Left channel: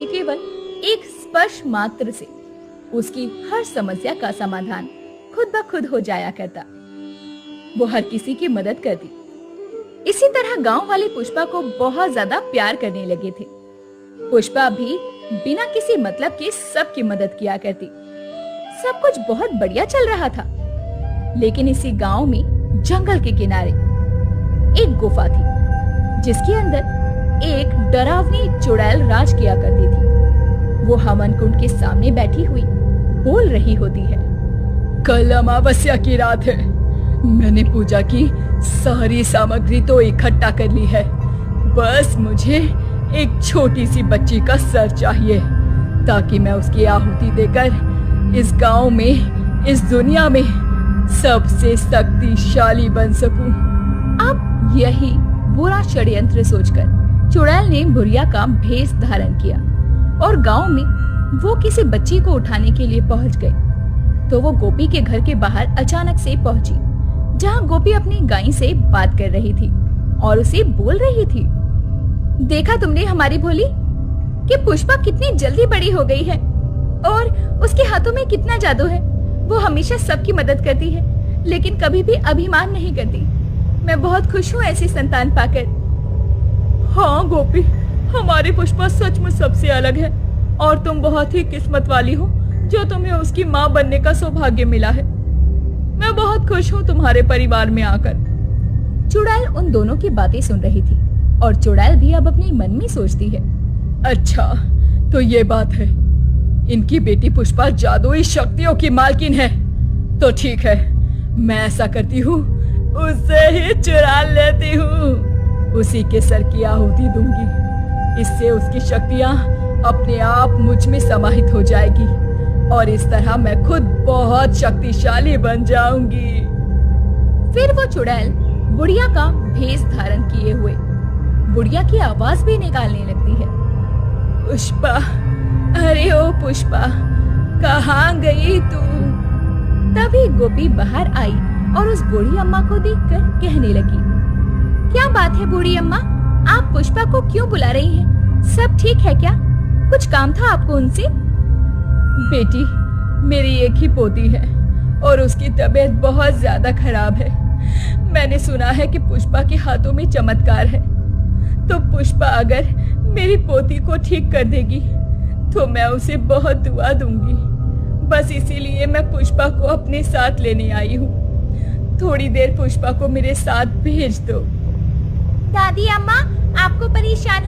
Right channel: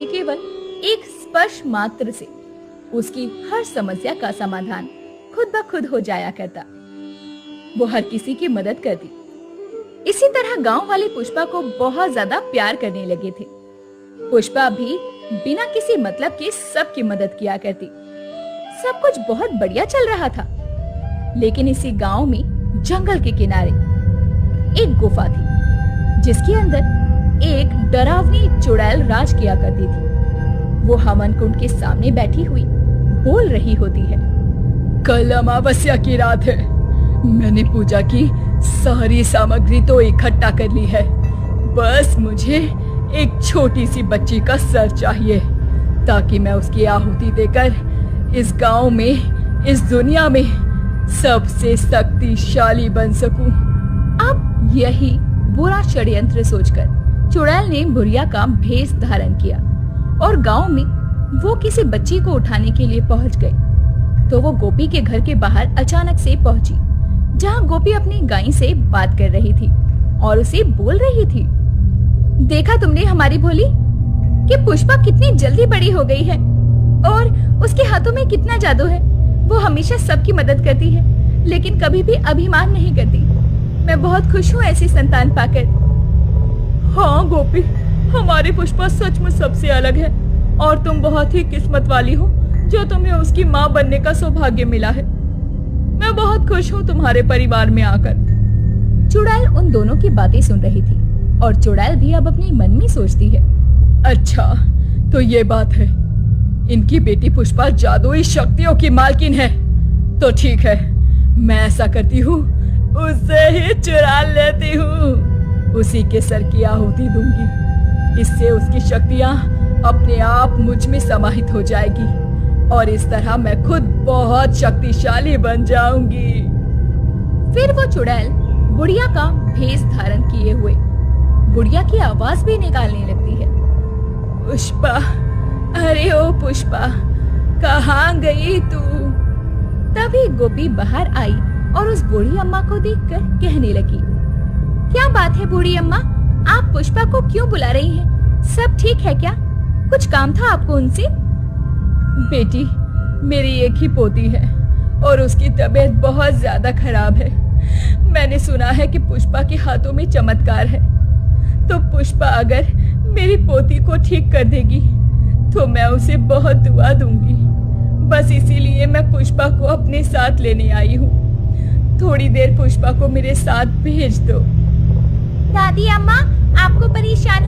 केवल एक स्पर्श मात्र से उसकी हर समस्या का समाधान खुद ब खुद हो जाया करता। वो हर किसी की मदद करती। इसी तरह गांव वाले पुष्पा को बहुत ज्यादा प्यार करने लगे थे। पुष्पा भी बिना किसी मतलब के सबकी मदद किया करती। सब कुछ बहुत बढ़िया चल रहा था। लेकिन इसी गांव में जंगल के किनारे एक गुफा थी, जिसके अंदर एक डरावनी चुड़ैल राज किया करती थी। वो हवन कुंड के सामने बैठी हुई बोल रही होती है। कल अमावस्या की रात है। मैंने पूजा की सारी सामग्री तो इकट्ठा कर ली है। बस मुझे एक छोटी सी बच्ची का सर चाहिए, ताकि मैं उसकी आहुति देकर इस गांव में, इस दुनिया में सबसे शक्तिशाली बन सकूं। अब यही बुरा षड्यंत्र सोचकर चुड़ैल ने बुढ़िया का भेष धारण किया और गांव में वो किसी बच्ची को उठाने के लिए पहुंच गई। तो वो गोपी के घर के बाहर अचानक से पहुंची, जहां गोपी अपनी गाय से बात कर रही थी और उसे बोल रही थी। देखा तुमने हमारी भोली कि पुष्पा कितनी जल्दी बड़ी हो गई है और उसके हाथों में कितना जादू है। वो हमेशा सबकी मदद करती है, लेकिन कभी भी अभिमान नहीं करती। मैं बहुत खुश हूँ ऐसी संतान पाकर। हाँ गोपी, हमारी पुष्पा सचमुच सबसे अलग है और तुम बहुत ही किस्मत वाली हो जो तुम्हें उसकी माँ बनने का सौभाग्य मिला है। मैं बहुत खुश हूँ तुम्हारे परिवार में आकर। चुड़ैल उन दोनों की बातें सुन रही थी और चुड़ैल भी अब अपने मन में सोचती है। अच्छा, तो ये बात है, इनकी बेटी पुष्पा जादुई शक्तियों की मालकिन है। तो ठीक है, मैं ऐसा करती हूँ, उससे ही चुरा लेती हूँ। उसी के सर की आहुति दूंगी। इससे उसकी शक्तियाँ अपने आप मुझ में समाहित हो जाएगी और इस तरह मैं खुद बहुत शक्तिशाली बन जाऊंगी। फिर वो चुड़ैल बुढ़िया का भेष धारण किए हुए बुढ़िया की आवाज भी निकालने लगती है। पुष्पा, अरे ओ पुष्पा, कहाँ गई तू? तभी गोपी बाहर आई और उस बूढ़ी अम्मा को देखकर कहने लगी। क्या बात है बूढ़ी अम्मा, आप पुष्पा को क्यों बुला रही हैं? सब ठीक है क्या? कुछ काम था आपको उनसे? बेटी, मेरी एक ही पोती है और उसकी तबीयत बहुत ज्यादा खराब है। मैंने सुना है कि पुष्पा के हाथों में चमत्कार है। तो पुष्पा अगर मेरी पोती को ठीक कर देगी तो मैं उसे बहुत दुआ दूंगी। बस इसीलिए मैं पुष्पा को अपने साथ लेने आई हूँ। थोड़ी देर पुष्पा को मेरे साथ भेज दो। दादी अम्मा, आपको परेशान